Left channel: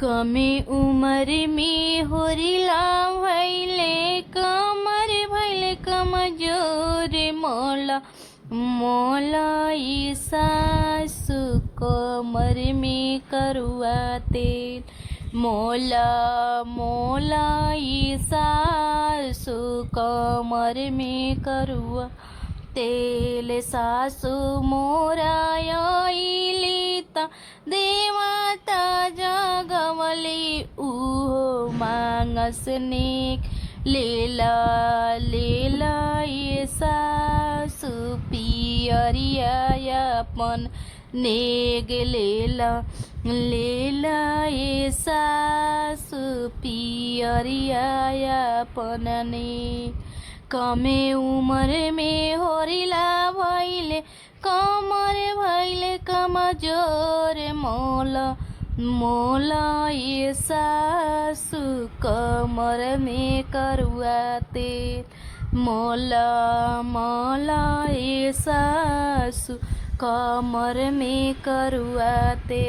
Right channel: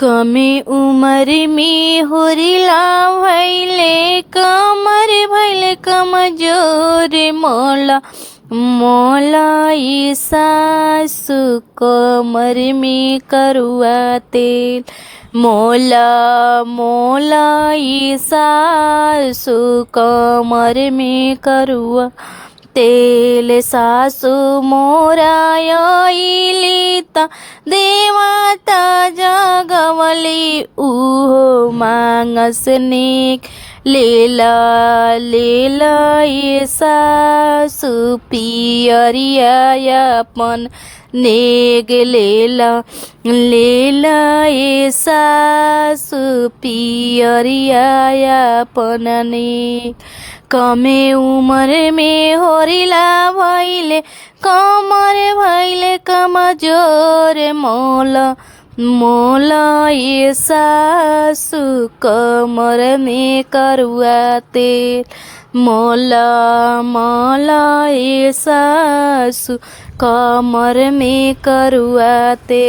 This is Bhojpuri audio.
कमे उम्र में होरिला भैले कमर भैले कमजोर मोला मोला ये सासु कमर में करुआ तेल मोला मोला ये सासु कमर में करुआ तेल सासु मोरायलीता देवाता जगवली उहो मांगसनिक लेला लेला ये सासु पियरियापन नेग लेला लेला ये सासु पियरियापन नेग कमे उम्र में होरिला भैले कमर भैले कमजोर मोला मोला ये सासु कमर में करुआ तेल मोला मोला ये सासु कमर में करुआ तेल।